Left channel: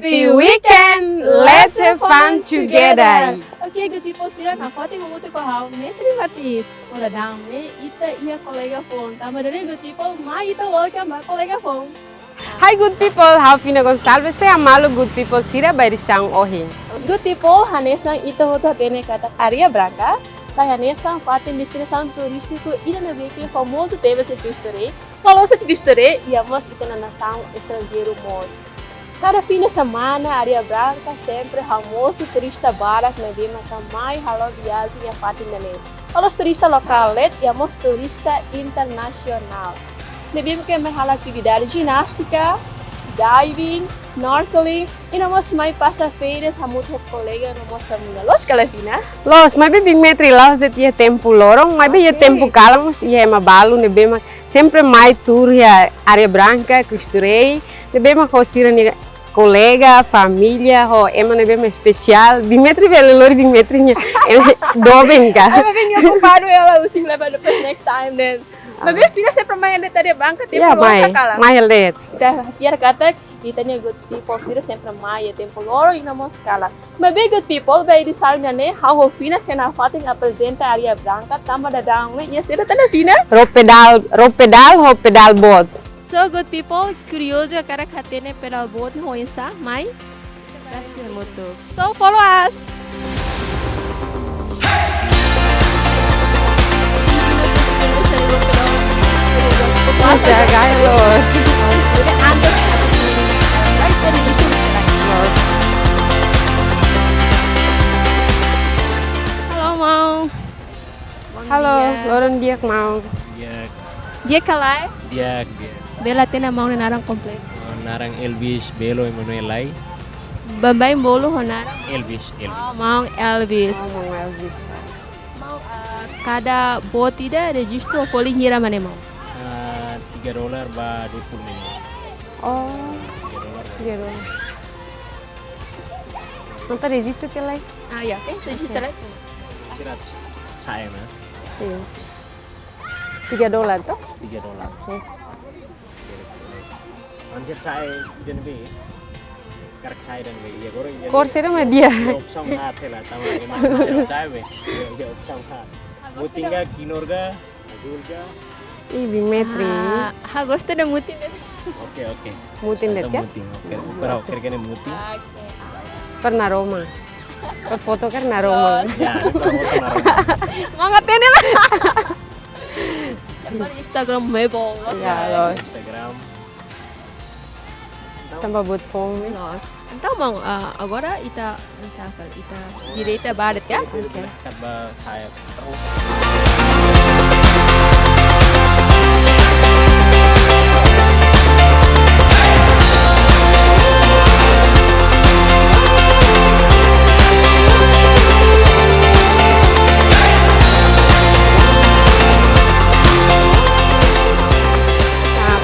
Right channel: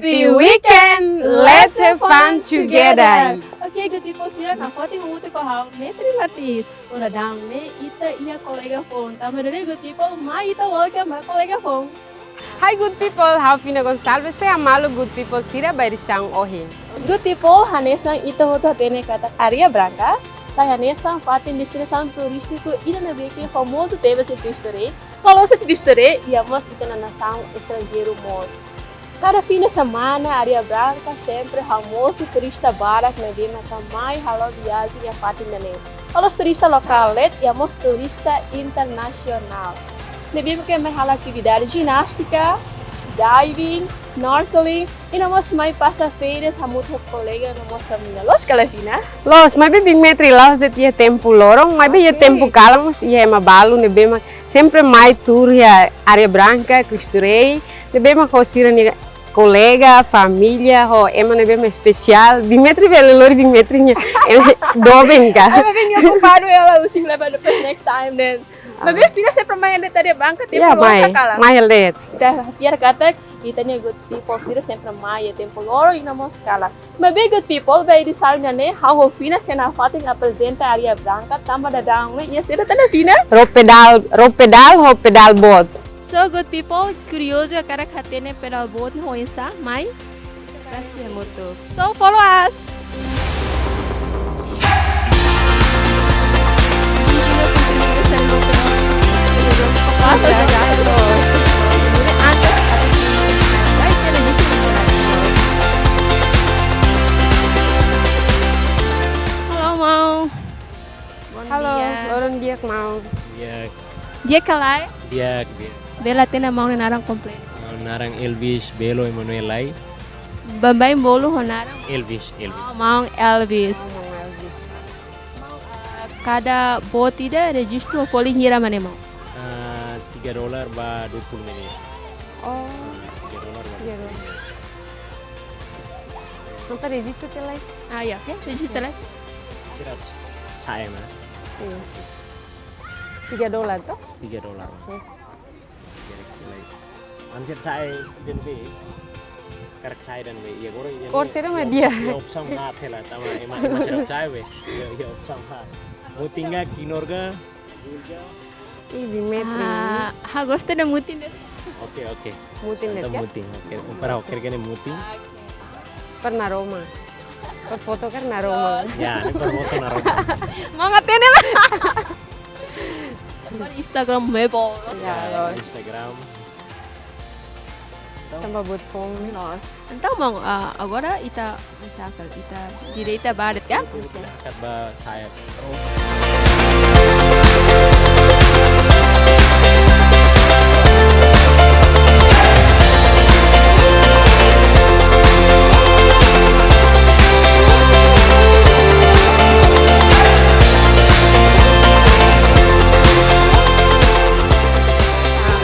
Happy weekend! Let's have fun together! Okay, good people, sila na pati kumuti ko ha, metri matis. Wala dami, ita iya kolega phone. Tama dari good people, ma ita welcome ma kolega phone. Hi good people, Ralfina Gonçalves, saya malu good people sira barisang ohi. Good people, hanesang ita hota tene kata Aria Branca. Saya hanesang fatin destinação turístico ida na que famoso teve esse Cristo-Rei. Falou esse Cristo-Rei e a moça ita na nação estrangeiro mos. Cada fim de semana, Aria Branca sempre famoso turista barat na Bima também halo viagem a fatin dane. Halo turista lokal e a moça turista internacional. Na Bima que mais halo atividade ginástica, diving, snorkeling, e na moça mais passa feiras, hamut colega na moça mina. Los Calafina. Los, mas bem metri lá os dia tempo lorong, mas bem tempo calmos e é mabalu na Bima sempre mais tour ya Aria Branca, Cristo-Rei, na Bima cosira ni colega, família, ho, emang bem especial. Bimetri vele lori bimetrinya, dobeng ka. Ay, mabing yung kumpano ela using level the next time then. Mabing fina sempre may alit Aria Branca, tempo loro kala. May alit. Ita fiar kata, ita niya good people sira sempre may tempo loro ina mo skala. Mabing good people, by di salnya ne, how fina sena fating apresenta Aria Branca, tamba da dang ne, iya sira tana fina. Ro pedal boat. So good people, curioso cara katene pedal boat ho insa, mai. Gracias muito. So follow us. Masa gaya los. Jadi antes right dari itu. Halo mau. Halo, loron dia mau. Dia kalai. Dia Bela tena mau narang komplit. narang Elvis Belo Emmanuel Lai. Bambay bolo ho narang. Elvis. Oh, mau Elvis. Mau Elvis. Mau kada bot tidak registro poli hira mana mau. $3 ba 20 menit. Oh, $3. $3. Não resiste até lá? Ah ya, register lagi. Kira saya na Sim. $3 toh? $3. Sim. Anjir saya dan be. Karak saya dan be. Ya goreng. Corsair sama dia. Opsang hat lah tama emang saya be. Ya opsang hat. Mutinga kinorga, agulga. Ih, bimetri. Ha gosto da mutin. Oke. Mutin det ya? Muting. Oke. Pero kira-kira muting. Pernah Roma. Per foto kan na Roma. Ya, itu foto naruh. Mangat ini lah. Dapat Instagram mebo. Ya, los. Instagram. Tambah buat phone. Los. Então mau agora ita ansafal ita direita barat ya. Dekat ba saya terus.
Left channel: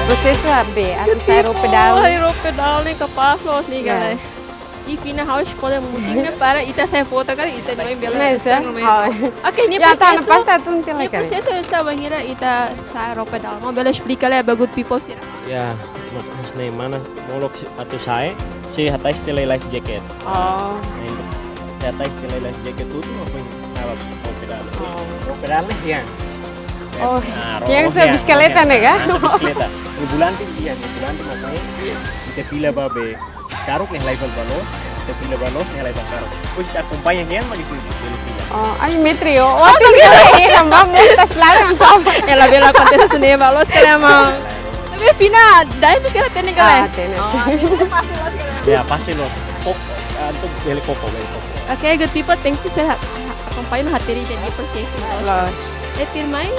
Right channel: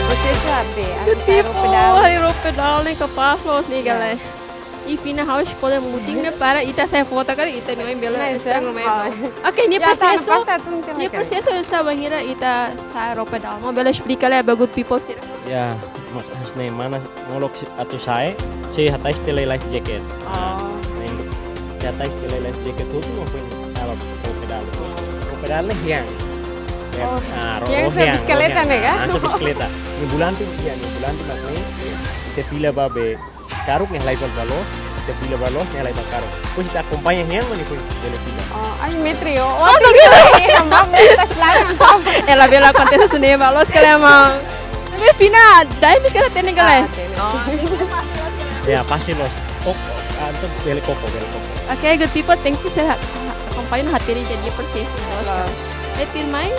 Processo AB, aku saya pedal. Aero pedal nih kapas los nih guys. E fina house escolha muting né para ita saya foto kali ita não bela Instagram mebo. Oke, ini Ya, tá na processo. pasta tu não Ini processo sa bangira ita sa pedal. Mau bela explica lá good people sira. Ya, mas nih mana molok atau saya si hatai style life jacket. Oh. Saya hatai style life jacket tuh apa yang awak pedal. Pedal nih ya. Oh, yang sa bisikleta nih kan? Bisikleta. Bulan tuh makanya kita pila babe. Karuk nih level balos, kita pila balos nih level karuk. Terus kita kumpanya yan magiging pila. Oh, ay metri oh. Wah, kaya sambam mo tas lang sama. Ela bela acontece sini balos kaya mau. Tapi fina dai bisikleta tene kala. Tenet. Ya pasti los. Kok untuk beli koko. Oke, good people thank you saya acompanho hateri jadi processo Los. Firmai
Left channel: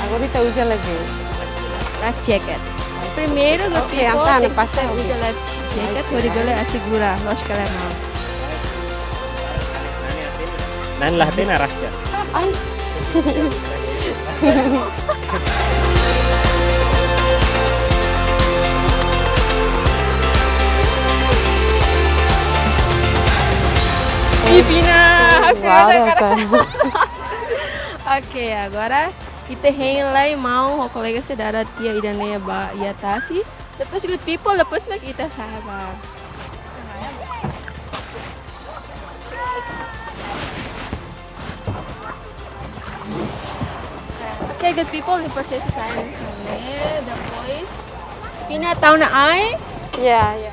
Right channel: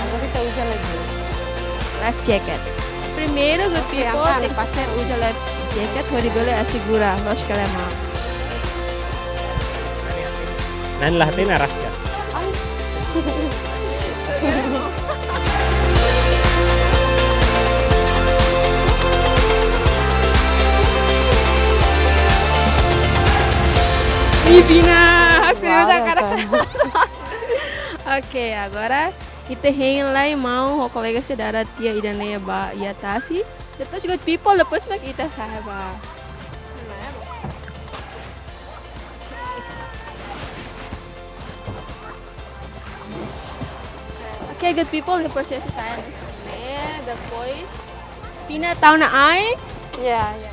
Agora kita usa lagi. life jacket. Primeiro, good Okay, people, Antana, tem que passa ser aqui. usa life jacket, pode bela assegura, nós que mau. Nan lah tena rasya. Ay. Pipina, Wow, Oke, agora kita hang lá em mão, o colega saudara tia Idaneia ba ia tasi. Depois good people, depois kita sahabat. Okay, good people, the process saya di sana, the boys. Pina tahu na ay? Ya, ya.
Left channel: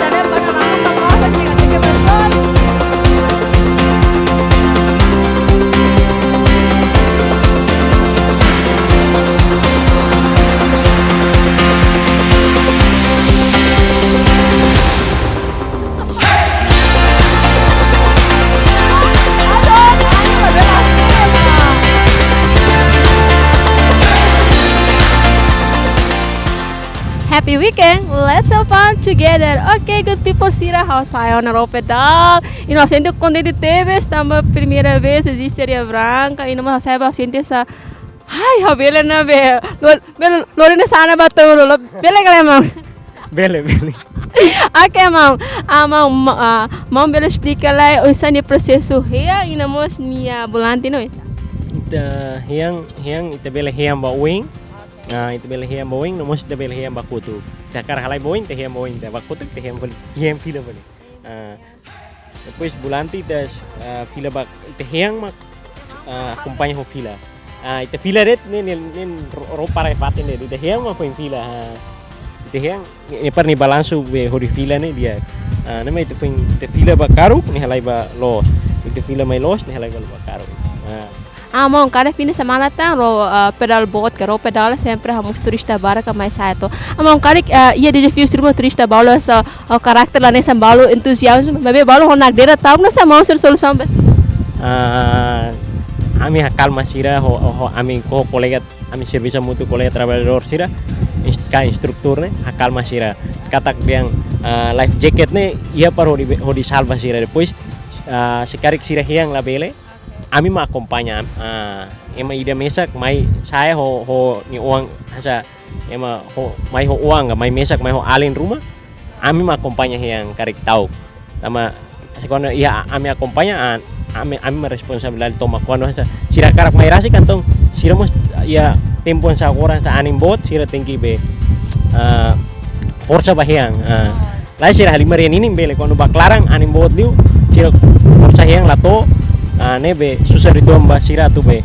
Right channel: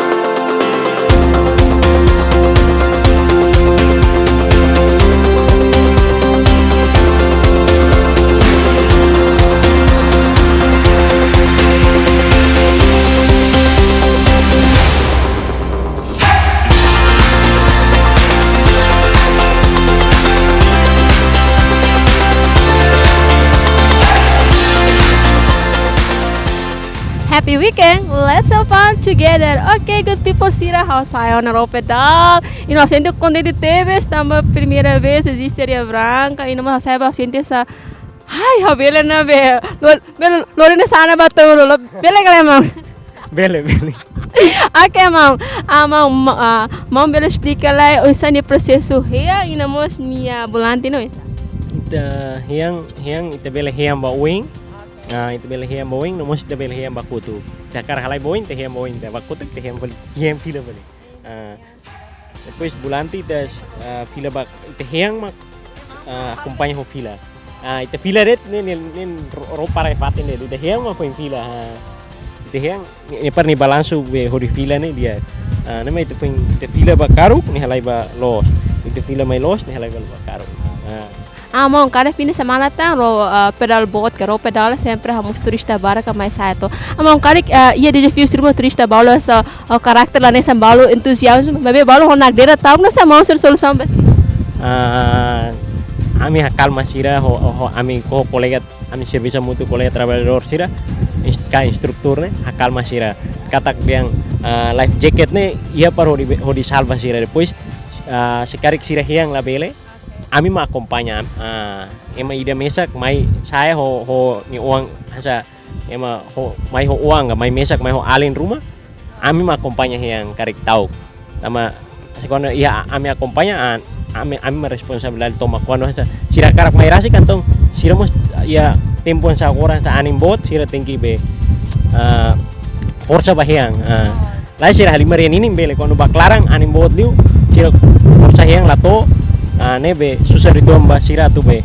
Ada panorama apa dengan tiga person? Happy weekend, let's have fun together. Okay, good people, Sira, how saya na pedal. Inocente contente teve, estamos primeira vez existe Areia Branca, e numa saya paciente essa. Ai, a bela na be. Lorena sana baturo, bela galera. Bele, bele. Okay, mam. Mam bela explica lá o ensino processo rea e namos minha volante não isso. Hiang ita bele hiang ba wing. Ita bele hiang ba wing, nomos ita bele hiang ba kutu. Takar halai boing, te hiang ba wing, te ba kutu, te hiang fila bele. Depois bulanti tas fila ba ita hiang mak acompanha ho fila. Ita fila ret nen roupa rai paten ita hiang ma foi fila. Ita hiang ni par ni balanço be hori fila ne dia. Nama ita foi ita fila ba karu ni halai ba los. Ita fila mai los ni halai ba karu. Mão, cada fim de semana tem o pedal boat, que o pedal sempre vamos turista barca mais certo. Mão, cada ia de desafio turma turista balo essa o caráter lá nessa balo entusiasmo, bebê balo ho nagdera tau não se mão ser solução bes. Ami hakal masira ho ami ko kolega ami serviço mutu kolega trabalhador sira ka instruktur ne hakal masira katak yang life jacket ne ia par ho di salva sira depois sekarik sira hiang la bele ami ma acompanha ema ida mesak mai saya ho ni uang hasa ema ho mai ho uang mai mesak mai ho alin rumah ami ma acompanha yang karik tau sama sekono ia ami acompanha ami responsabilidade toma quando hasa sira karak mai rasi kantong sira mos ia tempo sa orang sa anim bot sira tinggi be força bahiang lai sira halimarian ini bele quando baklarang anim bot liu sira força hiang lato nebe susah itu amba sira tu be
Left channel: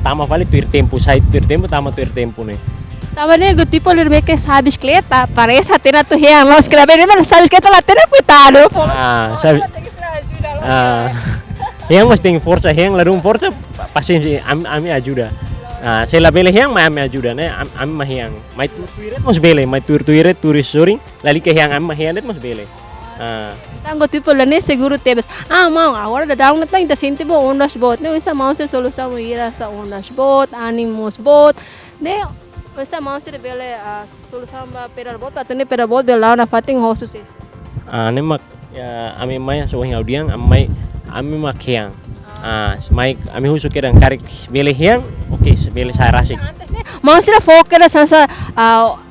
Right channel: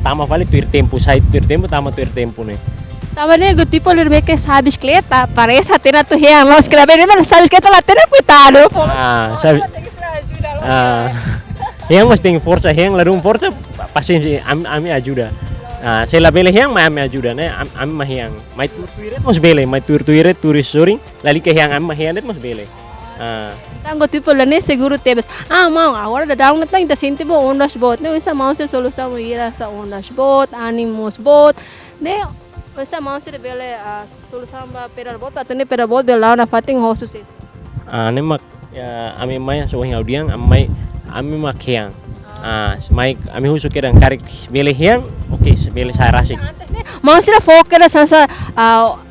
tama vale tuir tempo sai tuir tempo tama tuir tempo ne Tava nego tipo ele que sabe bicicleta, parece até na tu real, nós que bem mas sabe bicicleta lá tem cuidado. Sabe yang mas tem força yang larum força paciência ami ajuda se la bele yang mai ami ajuda ne ami mah yang mai tuiret mas bele mai tuiret turis soring lali ke yang ami mah yang mas bele Tango tipo lá nem seguro tebes. Mão, agora da down na ainda sente bo ondas bot, né? Essa mão se solução ir essa ondas bot, animos bot, né? Essa mão se bele a solução ba pedal bot, atende pedal bot de lá na fating host success. Ne mak ami mai so yang audiang ami mak yang mai ami husu kedang karik bele yang oke bele saya rasik Mão se foca sa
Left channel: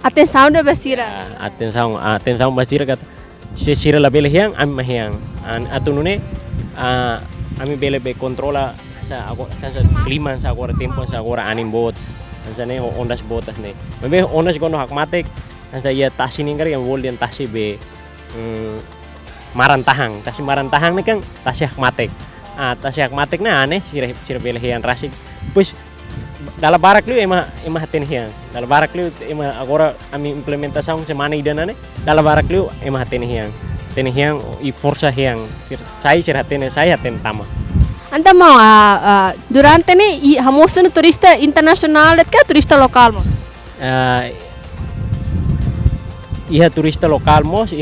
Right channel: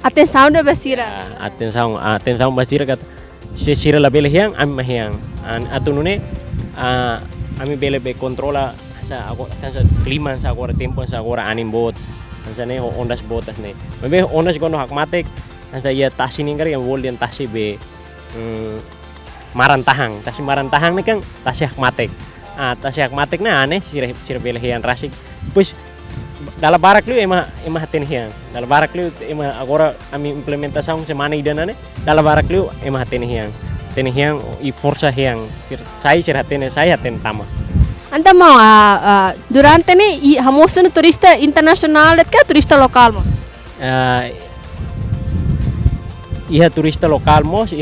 atenção de basira. atenção basira kata sira la bele yang ami mah yang atunune ami bele be controla sa klima sa agora tempo sa agora anim bot sa ne ondas botas ne mebe ondas gono hak matek sa ia tasi ningkar yang voldian tasi be marantahang ne kan tasi hak matek tasi hak matek na ane sira bele yang rasik pues dalam barak liu ema haten hiang dalam barak liu ema agora ami implementação semana idana ne dalam barak liu ema haten hiang i força hiang saya haten tama Anda mau durante ni hamosun turista internasional det ka turista lokal mo ia turista lokal mos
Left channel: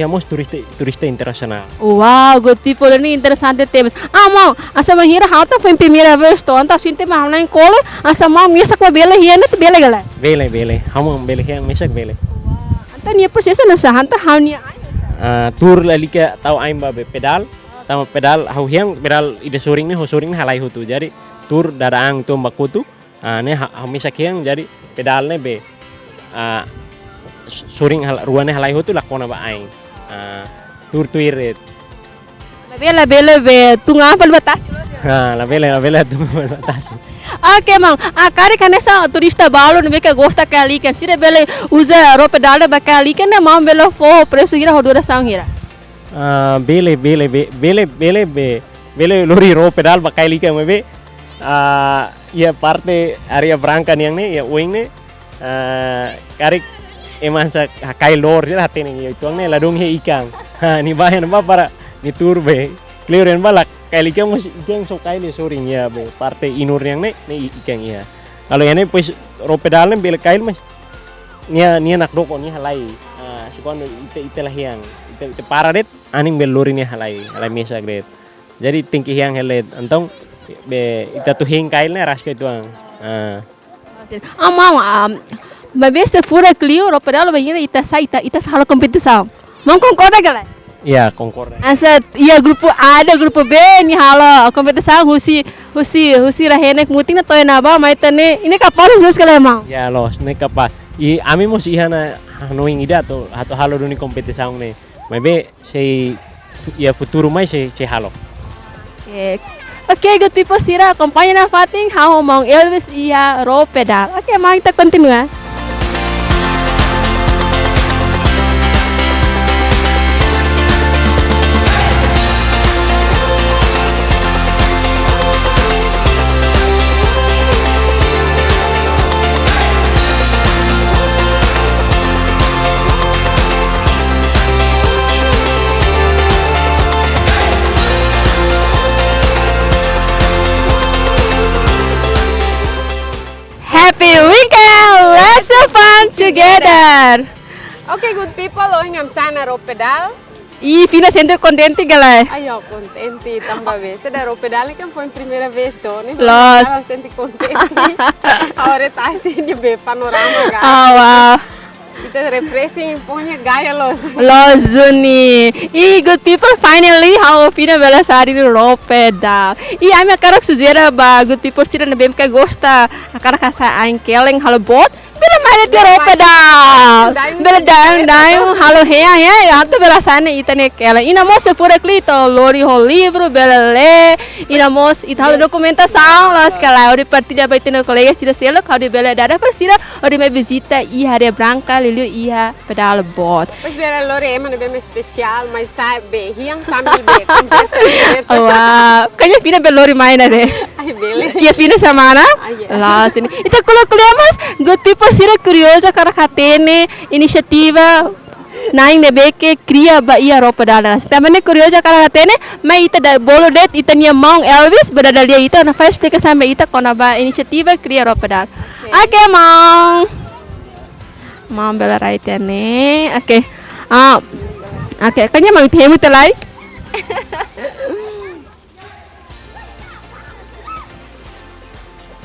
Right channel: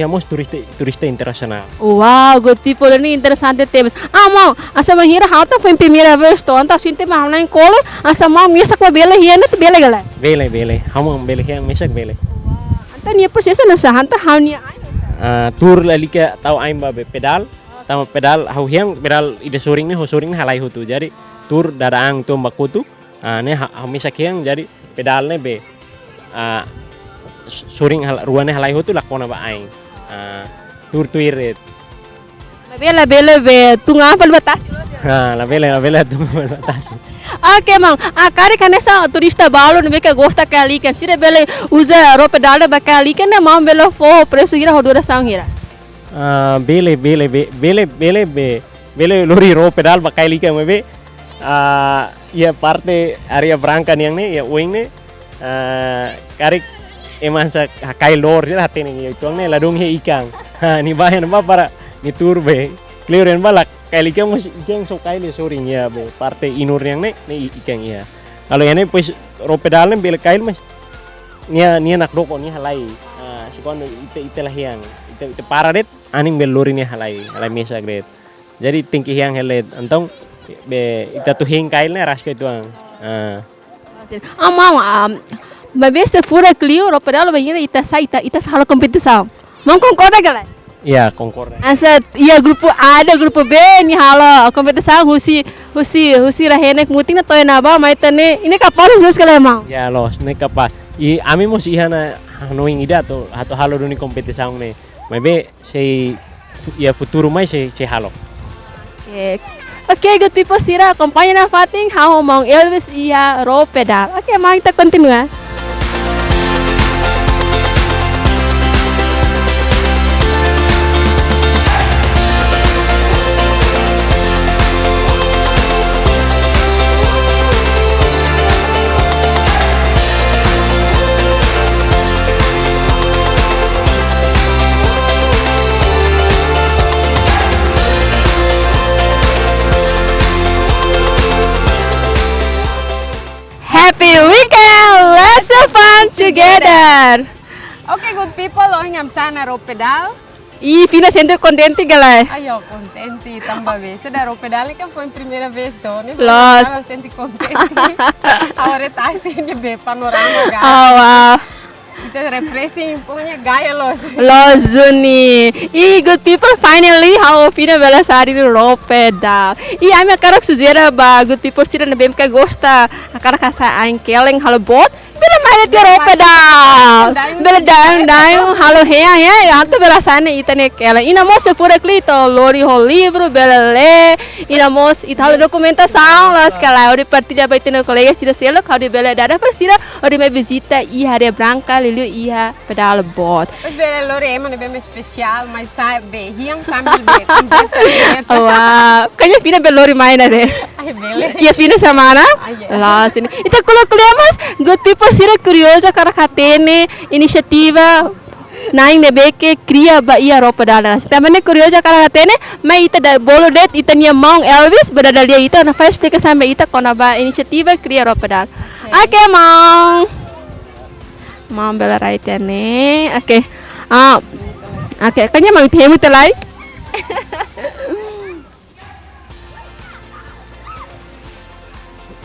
turista internasional Wow, good tipo ni interessante temas. Mau asa mahira hauta foi primeira vez to anta sinte ma na escola asa mau mesa com bela hiena te bela gala. Bele hamo bele hiang mesak bele Anta ni proseso na sa anta haunia tur lalika tau aim ba pedal tama pedal hau hiang pedal ide soring ni ho soring halai hutu jadi tur dadaang tu makutu ne hau mesak hiang jadi pedal ne be soring ruane halai hutu lakona ba aing tur tuiret bela be tu ngapal batas la bela tu batasi. Oke mang, kari kanesa turista balu nebe ke gosta kali kan sire bele uza rope dalda bakali kan mam bele fo presu gira hodura sang gira. Bele lori ro pedal bakai lika mebe ya parte area branca yang ne ya wing ne karik eman sa kai lor sira hatene ya tuang ne ladung he ikang ni bahan ba para ni turbe clearen balak kai lika mus ikang so kai le soring ya be parte inur yang ne ikang ya kalau yang ne pues ro pedal ne bele kai mas nia nak doko ni halai sikon ite lah yang ite paradet aning bel lori ni halai mesa gret jadi tingki yang helet antong be ita tu hing kail ne ras ke tuang Mam, mabeste fura clio rope dalda bagina ita sala kompetisi. Mang concorda gala? ya concorda Asa ia grupo A ada grupo B ni hala kompetisi husi rahenek muting na toy na ba mai tane ini kapal sus kala mang. ya los ne kapas i ami mos ihana knowing ida to hato halo duni kompetisaung ne maybe sei ya futuro mai sei halo. Oke, good people sira acompanha na fating how mang Elvis ia ro pedal. Oke, mang kita continua. Happy weekend! Let's have fun together! Oke, good people, oh ngam sana ro pedal. E fina center contente galera. Ayo, contente tambah vez. Da ro pedal kan foi primeira vez to, né? Los. Estava senti contente. Agora tá assim de ver panorama ga. Wow. Kita refreshing punya gaya los. Los Zuni. E good people, finally how fina bela sari ro pedal. E a minha cara sugera ba good people sira na bem que gosta. A cara kasa ain keleng halo bot. Bila mana dia ro pedal. Bila daim halo hea atau bela sana itane keleng. Ina mos pura klito lori ho livro bela le. Ina mos italo documentação las kala ori partida ba itene colegas tira selo kau di bela dada persira ori me visita i Areia Branca lilio ia pedal bot. Mas bela lori emang bem especial, mas sabe, hiang sambil be kompensa. Wah, kayaknya Vina belori main deh. Ai bela. Iya Vina sama na? Iya. Lah sini. Itu kalau mas, good people sira curiosa karena katene inisiativa naing nebe que cria ba ia roupa dala. Também curiosa karena katene, mas ita da bolo det ita nia mong Elvis berada dia ita na faz explica sampai ita kona ba inisiativa cria roupa dala. Oke mong. Mom bela right ne. Oke. Oke, kayaknya mang temu telai.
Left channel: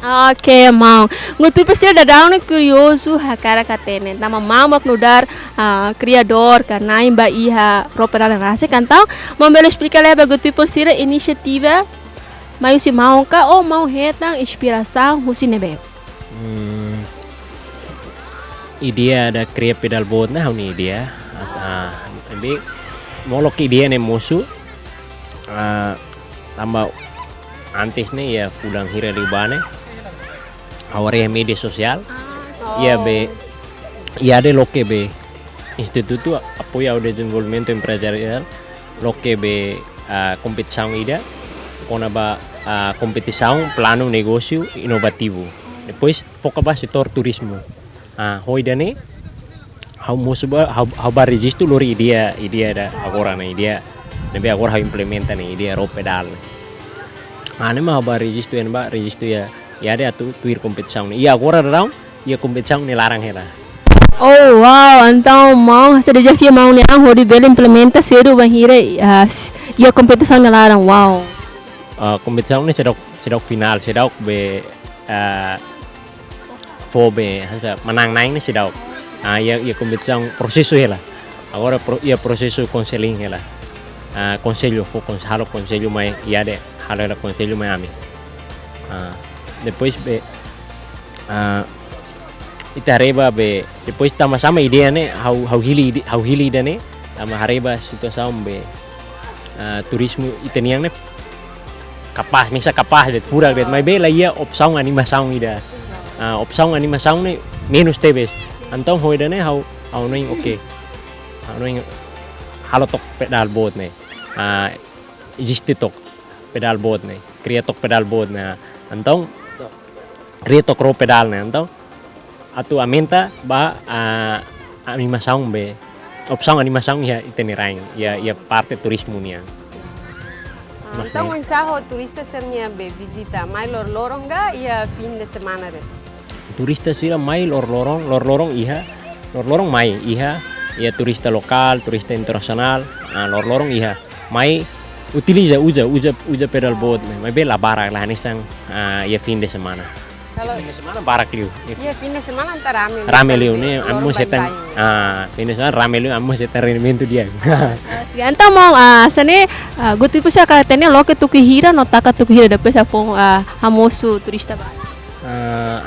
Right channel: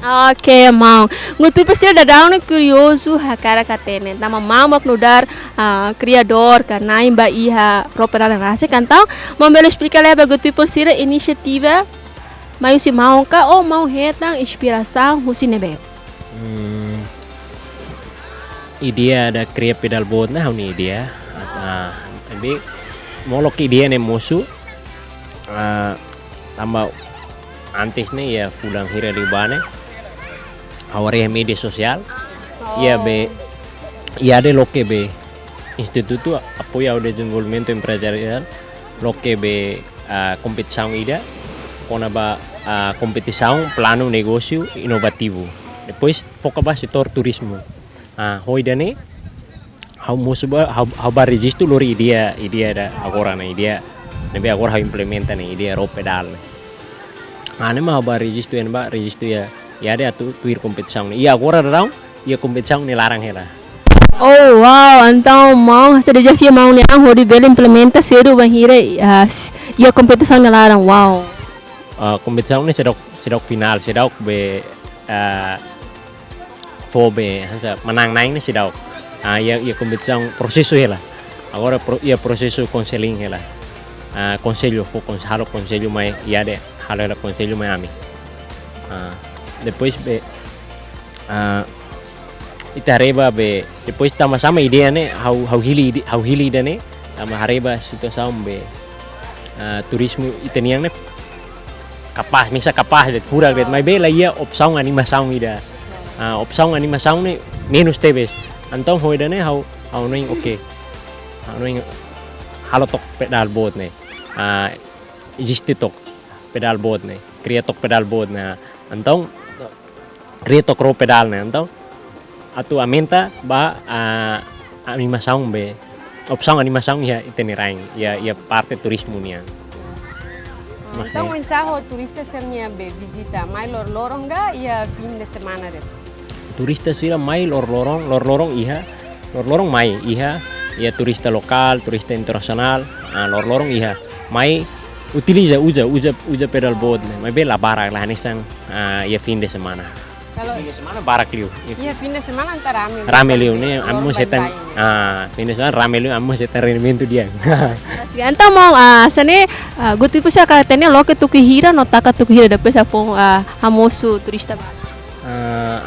Oke, mau. Ngutu pasti ada daun curioso hakara katene. Tama mamak nudar criador karena imba iha roupa dala rasa cantão. Mau bela explica leva ngutu pasti inisiativa. Mas se mau ka ou mau hetang inspiração husi nebe. Idea ada cria pedal boat na ni idea be molok idea ne musu tambah antes ne ya fulang hira libane aware media sosial ya be ya de lo que be instituto apoia o desenvolvimento empresarial lo que be competição ida kona ba competição plano negócio inovativo depois foca ba setor turismo hoi dane hau musuba hau ba registro lori idea da agora na idea nebe agora hau implementa ne idea ro pedal ane ma ba registro ya de atu tuir competição ia agora down ia competição ne larang hela. Oh wow, então mau sa desafio mau ni ang hodi bela implementa seru bahira ia competição ne larang wow. Competição ne sedok final sedok be fobe menang naik ni sedau ia competição processo ela agora ia processo conselho ela conselho halo conselho mai ia de halo ela conselho mai ami depois be itareba be depois sama ideia ne how hili dane tama hareba situação be turismo itaniang ne kapaz misa kapaz det furak det mai be la ia opsaung animasaung ida opsaung animasaung ne menos tebes antong hoida ne hau noing oke hau noing halo tok pedal boat ne existe tok pedal boat ne kriya tok pedal boat ne antong kriya tok ro pedal ne antong atu amenta ba animasaung be opsaung animasaung ya itinerang ya parte turismo nia. Então, o ensaio turista seria visita mais lorong ga ia fim de semana deh. Turista sira mai lorong mai iha ia turista lokal, turista internasional, lorong iha mai uja pedal boat, mai bela barak lah nisang ia fin de semana. Kalau fin de semana barak liu. Iya fin de semana antara rame. Rame liu ni amu setan fin de semana rame liu amu setan rendimento dia. Então, sane gutu iku sa katene loke tuki hira no taka tuki hira depois apong hamoso turista ba.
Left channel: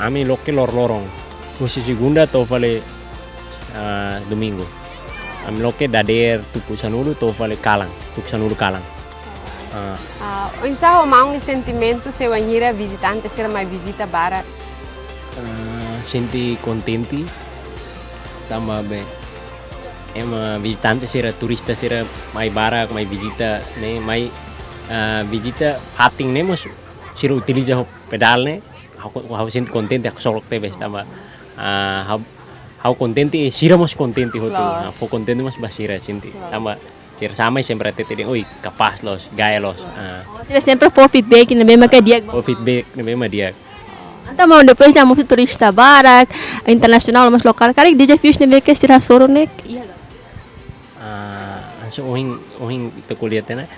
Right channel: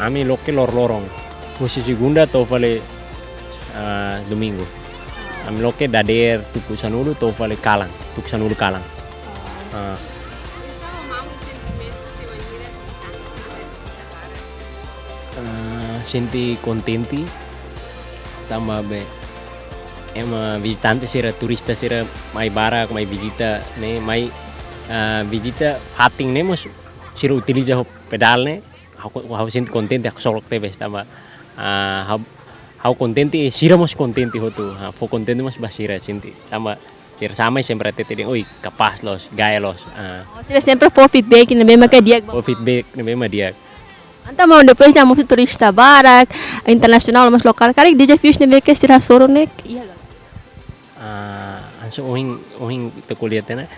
Ami loke lorong. Musi segunda to vale domingo. Ami loke dader tuku sanulu to vale kalang, tuku sanulu kalang. O ensaio mau um sentimento se wanhira visitante ser mais visita barat. Senti contenti tambah be visitante sira turista sira mai barak mai visita ne mai visita hating ne mos sira utiliza ho pedal ne hau senti contenti aku solok tebes tambah hau contenti sira mos contenti hotu hau contenti mos basira senti tambah sira sama sempre tete oi capaz los gaya los Sira sempre for feedback na mesma que dia. feedback ne mesma dia. Então, mau depois da moto turista barak internasional mas lokal kari desafios ne be que sira soro ne iya. So ohing itu kuliah tena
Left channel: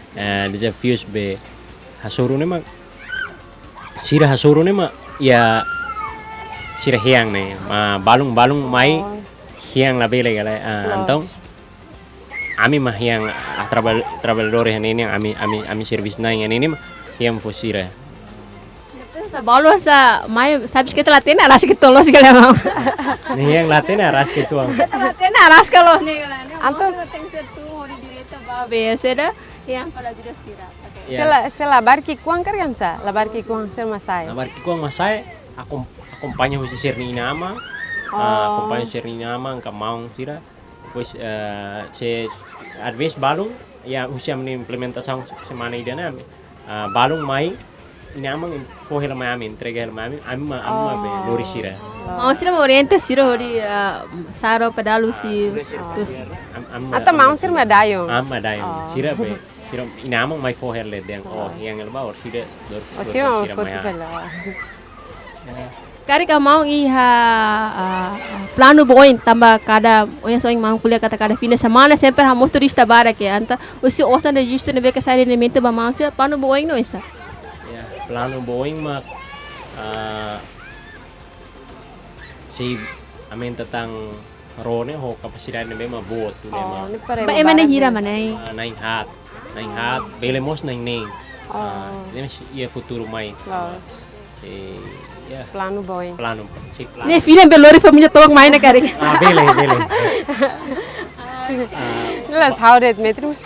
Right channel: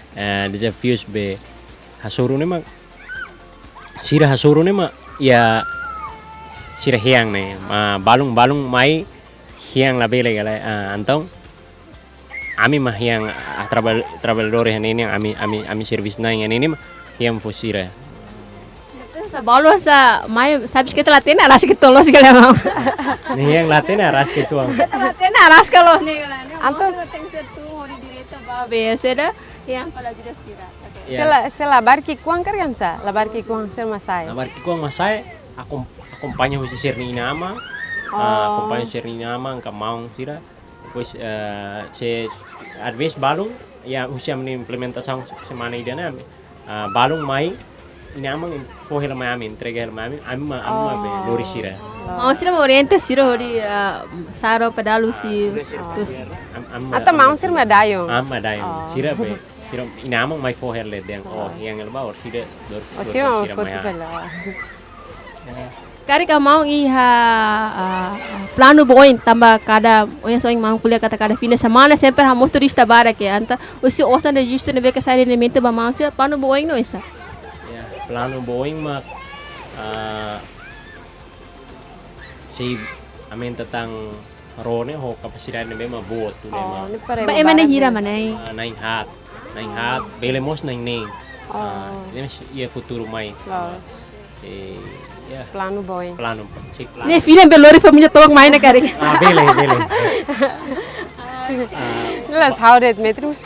desafios be hasoro ne ma sira hasoro ne ma ya sira hiang ne balung mai hiang la bele gala antong ami mah hiang trabalhadores ini ami service na ini mah hiang fosira. Sa balo sa mai sabes que tela aras que tolos que leva. Ni hiang latena aras que tuang. Tela aras que los ni gala. Anto tem ser tu hori direta ba be seda yang pala juga sira. Se labar ki kuang kan sa, labar ki kuang ser masai. Labar ki kuang masai acompanha o ser ni nama. Acompanha ser ni nama ka maung sira. Pois se às vezes balung ya usia implementação semana idana balung mai inamang fohela mai amin entrega hela mai amma be lori sira. Mau sira oriente sira hori saro pedalu si tus. Atau mau ser madayo. Madayo. Sira be sira inamang mai fohela deng yang elba or sira dor. Sira mau foto pela. Kari ka mau iha plano boin tambah kada oya soing mau kuliah kata kada fim de semana sempre hamos turista barak ya anta usi osan registro ne be ka sai elemento ba mau se plano boin no esa. Ya, plano boin mak si amin tentang rone ho kapasitas ne be ma bot tu ne ma. Ba emane hira manai. Naing hat belemos naing ning. Ini ia futuro mai. Ya. Plano boy. Plano. Ne filha belori família tolong main na kari. Bele. Las houdet metrus.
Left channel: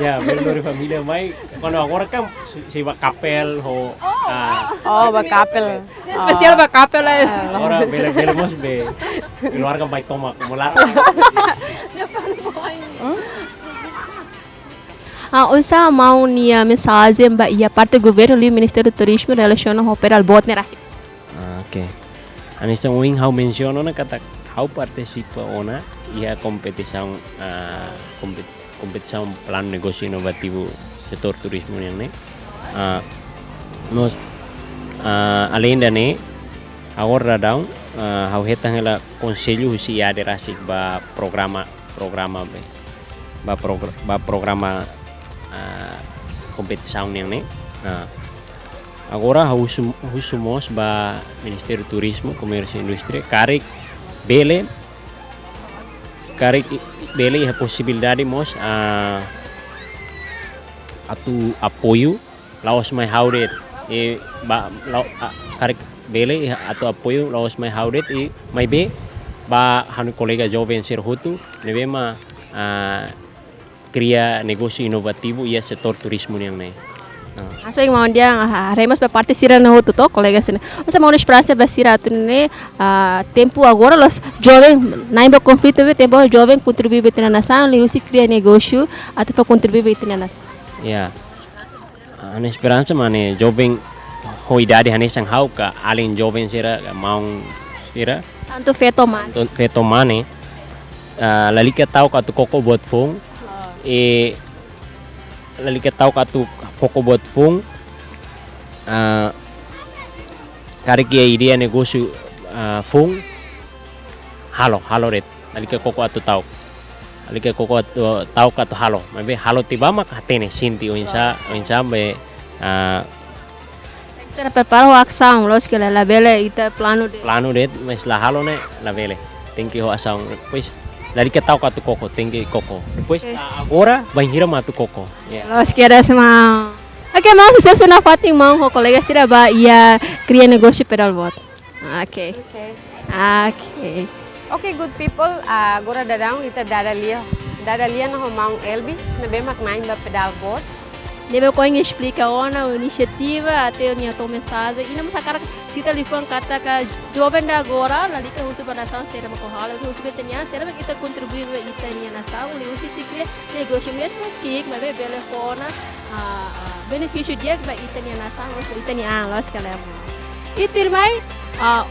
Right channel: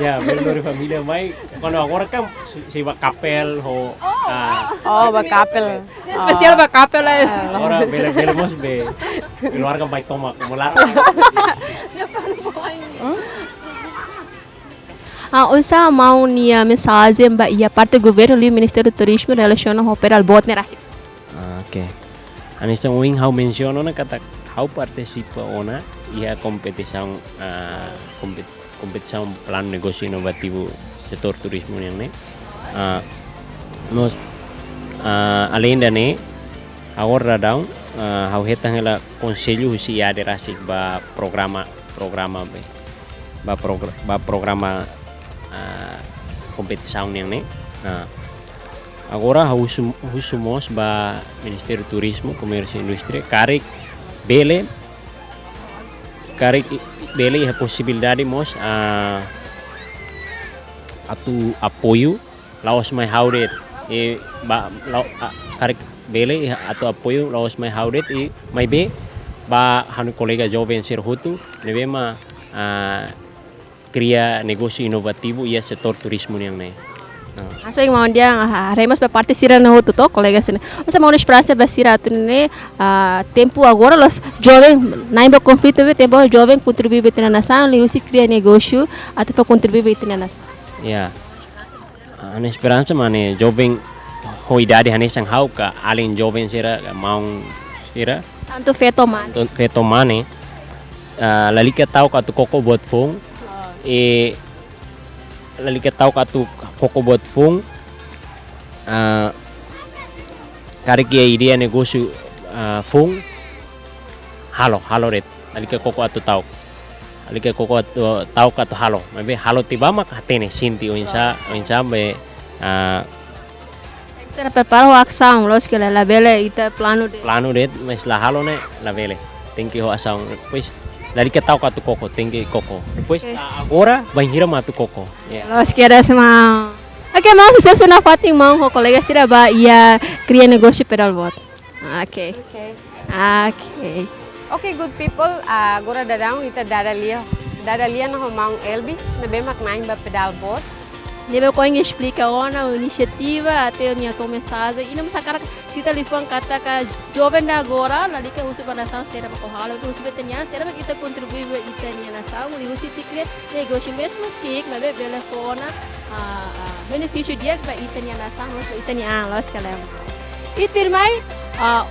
Ya, belori família mai. Quando agora kan si kapel ho. Ba kapel. Spesial ba kapel lah. Ora belemos be. Keluarga baik tomak mular. Unsa mau nia mensagem ba ia parte governo li Ministério do Turismo relaciona ao pedal boat ne rasi. Oke. Anissa wing how menciono na kata how participa ona ia competição plano negócio inovativo setor turismo yang ne. Nos além da ne agora daun how hetang ela conselho husi ia de rasik ba programa competição yang ne. Agora husumos ba Ministério do Turismo, Comércio e Indústria karik bele a possibilidade mos atu apoio laos mai haudet karik bele atu apoio laos mai haudet e mai be ba hanu kolega jovem ser hutu nebe ma cria negócio inovativo e setor turismo yang nih. Aso yang mau dia haremos parte sira no outro to colega sini. Você mau esperança ba sira tu ne tempo agora los jovem naimba conflito be tempo jovem contribuir be na nação li usi cria negócio até para contribuir be na nação. Ya. Ana esperança mane jovem ho idade hanes sang hau ka alin jovem sira mau sira Tanto feto man. feto mane lali ka tau ka tu koko buat fung lali ka tau ka tu koko buat fung kari kia idea negócio fung halo red lali ka koko atu tau lali ka koko atu tau ka tu halo mabe halo tiba mak hatene sinti o insa be Kita prepara a ação, los que la bele ita plano de mas la halo ne la vele tenki ho asang depois dari ka tau ka tu koko tenki koko depois agora vai hira ma tu koko los que era semang. Oke, mau sucesso na Fatim mau ho colega sira ba ia cria negócio pedal bot. Oke. Okay, good people. Agora dadang ita dadalia na mau Elvis na be mak naim ba pedal boat. Deve coin explica ona iniciativa até a tua mensagem e não me sacar se tá lifan kata ka jovem da agora ali que usa para nação será uma cohala usa betania será que kita contribuir ita nia nação li usa tikle negócio mesmo que mas be telefona benefício dia que ita nia nação usa ita nia los que leva e tirmai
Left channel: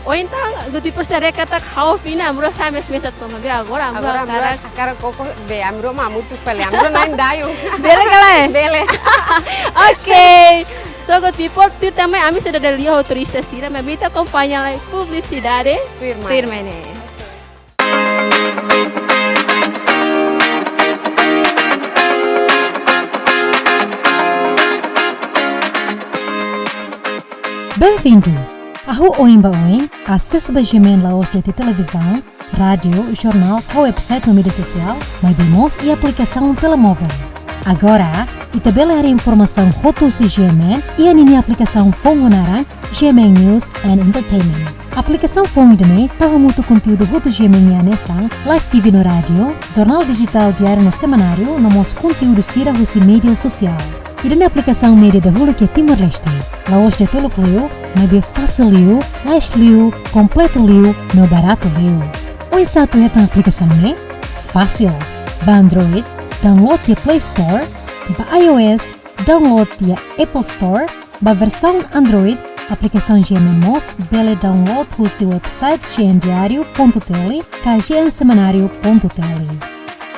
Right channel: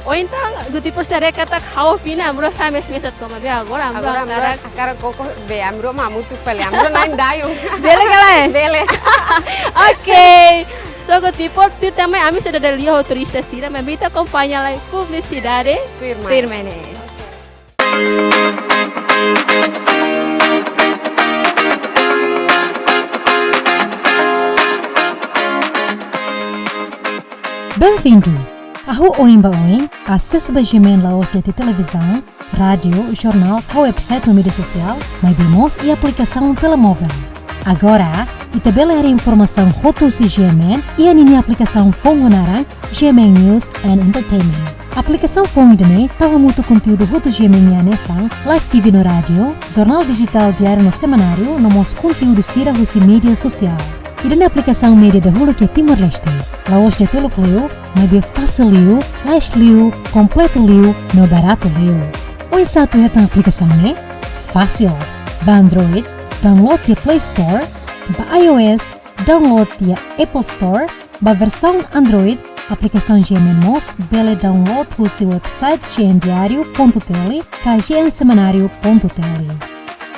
o então do tipo será kata kau pina amro sa mes to mas agora akara koko be amro mamu tu pale amro naim dayo bele kala bele. Ok, so good people, também a mim sudah dari lihat turista sira, mas kita acompanha lá publicidade firme né. Bem-vindo! Ahu Oimba Oim, acesso a Gemen Laos de televisão, rádio, jornal, website no mídia social, mais e aplicação telemóvel. Agora, itabela era informação rotus Gemen e a aplicação Fongonaran, Gemen News and Entertainment. A aplicação Fongdene tahu muito conteúdo rotus Gemen Yanesang, live TV no rádio, jornal digital diário no semanário, no mos conteúdo sira husi mídia social. E na aplicação média da Hulu que é Timor-Leste, Laos de Toluk Liu, mais fácil Liu, mais Liu, completo Liu, no barato Liu. O satu é a aplicação né? Fácil. Ba Android, download di Play Store, ba iOS, download di Apple Store, ba versão Android, aplicação GMMOS, bele download husi website gendiario.tele, ka gensemanário.tele.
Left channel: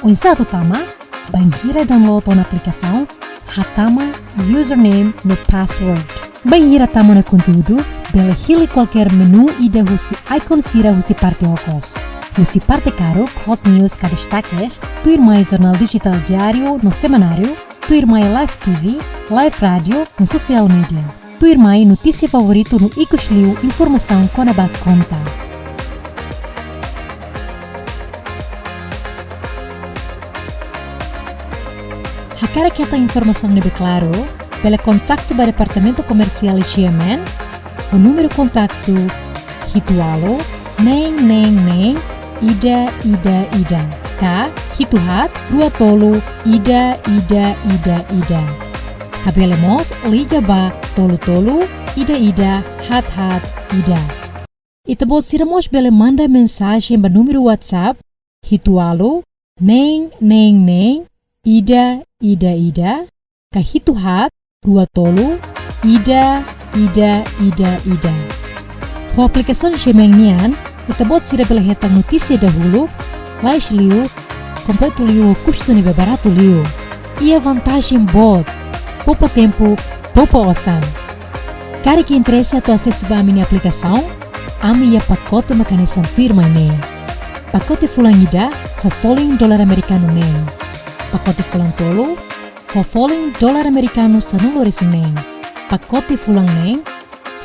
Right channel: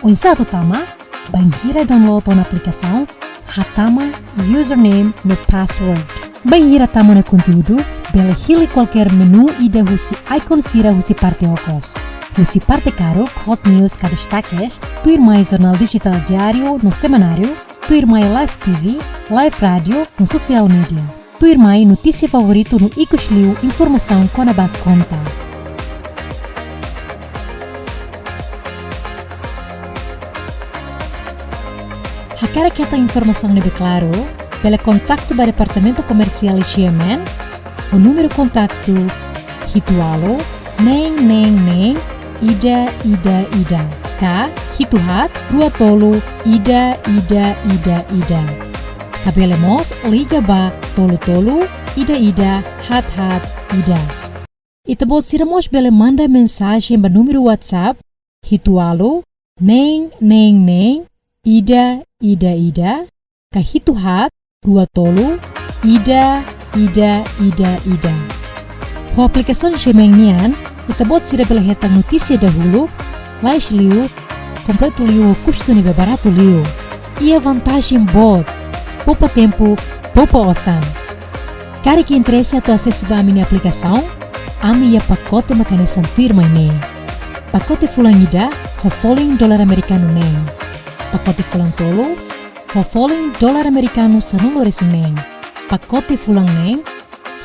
O satu tama, banhira download on aplicação, hatama username no password. Banhira tama na conteúdo, bele hili qualquer menu ida husi icon sira husi parte okos. Husi parte caro, hot news ka destaques, tuir mais jornal digital diário no semanário, tuir mais live TV, live rádio no social media, tuir mais notícia favorito no Icosliu, informação com a conta. Hakara kita informação lebih claro, pela contato para departamento comercial Gemen, o número de contato hitualo, neng ida, ka hituhat, rua tolu, ida. Kabelemos liga ba tolu, ida, hat, ida. Itabot siramos bele manda mensagem ba número WhatsApp, hitualo, neng, ida, ka hituhat, rua tolu, ida. Ho aplicação Gemen nian, itabot sira bela hetang notícia dahulu, lais liu, completo liu, custo nível barato liu. E a vantagem bot, poupa tempo, poupa osan. Cara que interessa a tu acesso a minha aplicação, ami ia pacote makanesan tuir maine. Pacote fulangida, ho falling dolar americano nem. Pacote fulang tolo, ho falling dolar americano sanulo resinen. Pacote fulang neng,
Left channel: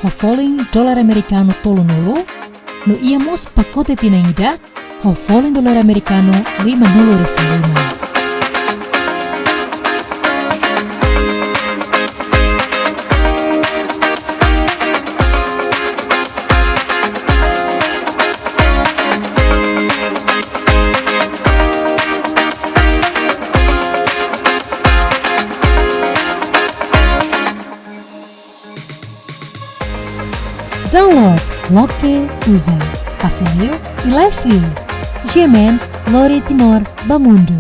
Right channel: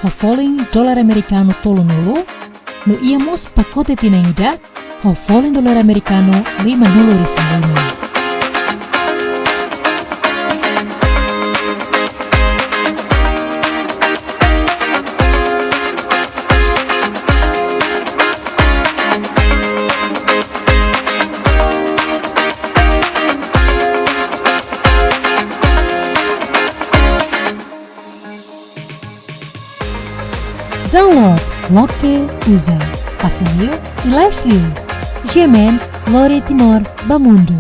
ho falling dolar americano tolo nolo, no iamos pacote tinangida, ho falling dolar americano 5 nolo resinen. Download Loke Uza, Facilio e Leslie. Gemen, Lori Timor, Bamundo.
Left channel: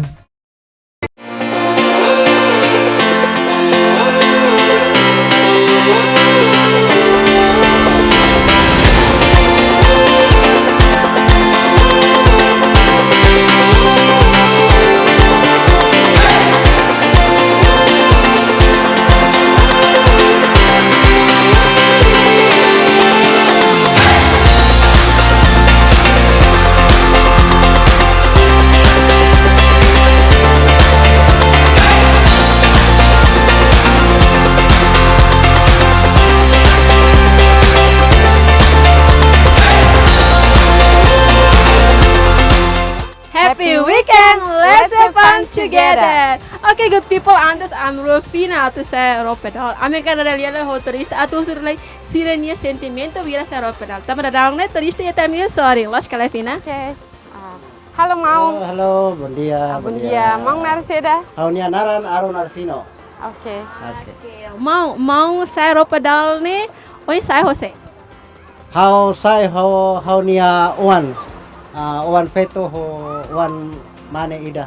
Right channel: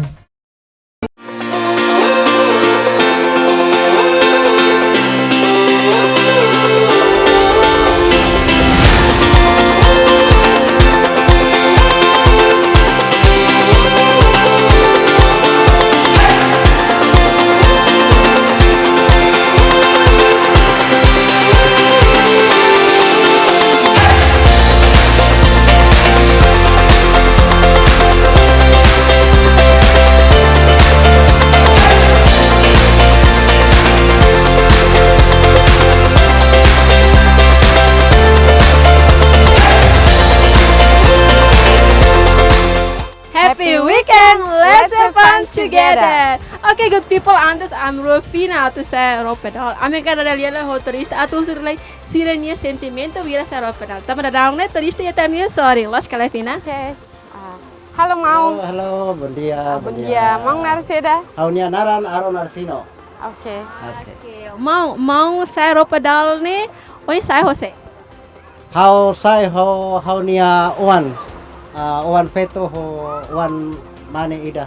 Happy weekend! Let's have fun together! Okay, good people, Anders, I'm Rufina to say Ropedal. I'm going to realize how turista atu surlai sirenia sentimento vira sa Ropedal. Tama dadang net turista ya tamil sorry. Los Calafina. Okay. Halo Maung. Halo, bom dia. Bom dia. Maung narseda. Haunia Naran Aro Narsino. Oke. Mau sa Ropedal ni, oi sa Jose. Hau sai haunia Uan. Uan feto ho Uan mane ida.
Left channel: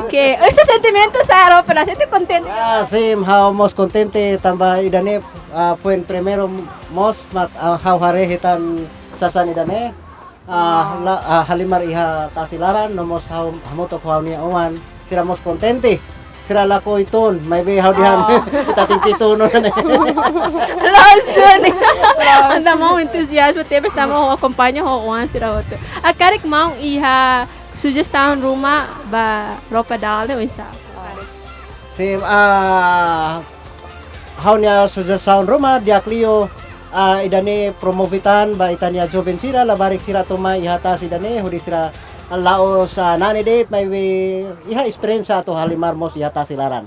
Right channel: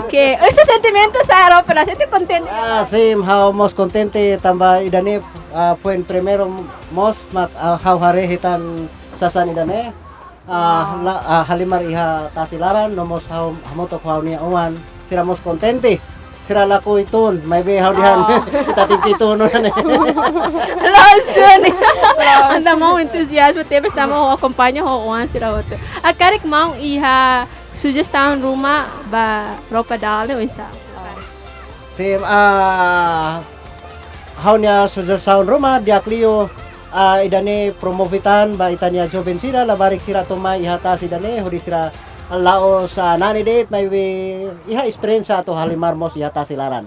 Okay. Ese sentimento sa Ropedal, siento contento. Sim hau mos contente tamba idane puen primero mos mak hau hare hitan sasan idane. Halimar iha tasilaran nomos hau hamoto haunia Uan. Sira mos contente. Sira lako iton, may be hau dihan. Itatingkito no ne. Los doon. Anda mau entusiasmo, tebes tamo acompanha ho Uan sira outro. A karik mau iha sugestão rumah ba Ropedal ne unsa. Sim haunia sugestão rumah dia Clio idane promovitan ba itania joven sira labarik sira toma ihata sidane hudi sira lao sa nani date may iha experience ato halimar mos ihata silaran.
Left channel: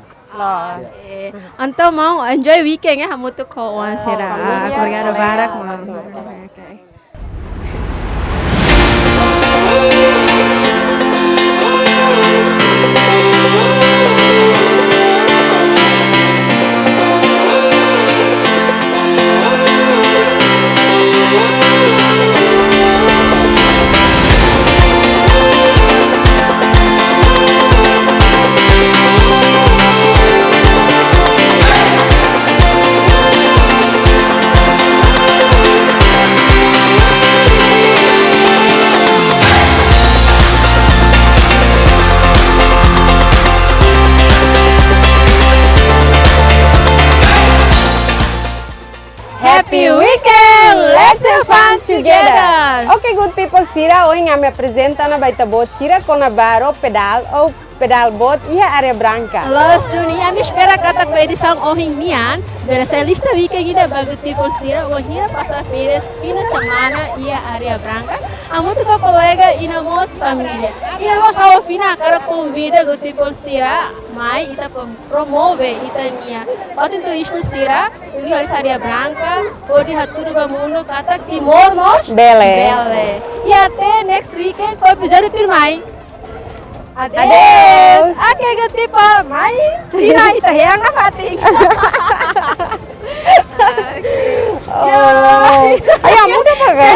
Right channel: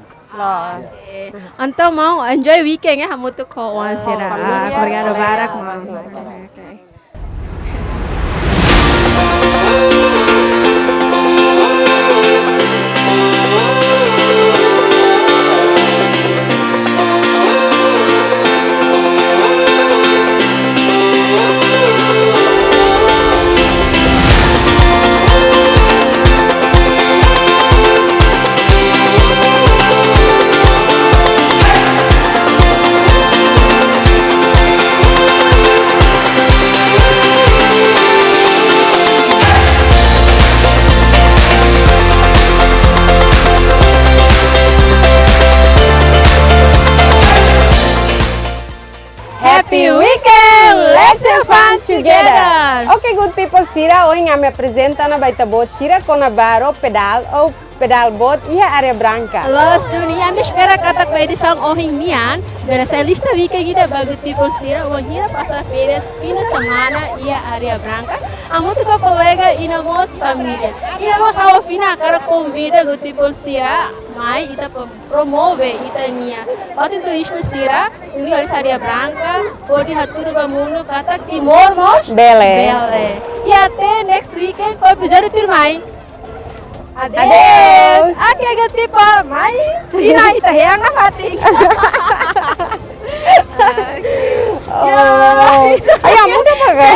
Anto mau enjoy weekend ya hamutu ko Uan sira. Korea barak mau. Okay. Happy weekend! Let's have fun together! Okay, good people, sira hoy nga me apresenta na baita bot sira con a baro pedal ou pedal bot ia área branca. Los dunia me espera kata ko edição ohing nian, berasa lista weekend ida bagu people sira ohira passa férias fina semana ia área branca. Amo tu colega ina mos família. Ina mos ao fina cara convida go people sira, mai ita promove ita nia. Patin turismo sira, li área branca, odi haturu bamuno kata timor mos Bele. E até next weekend com o episódio turmai. Adeus. Okay, good people. Mai. Tina ita yang nafating. Oh. Ayam muda pa ka?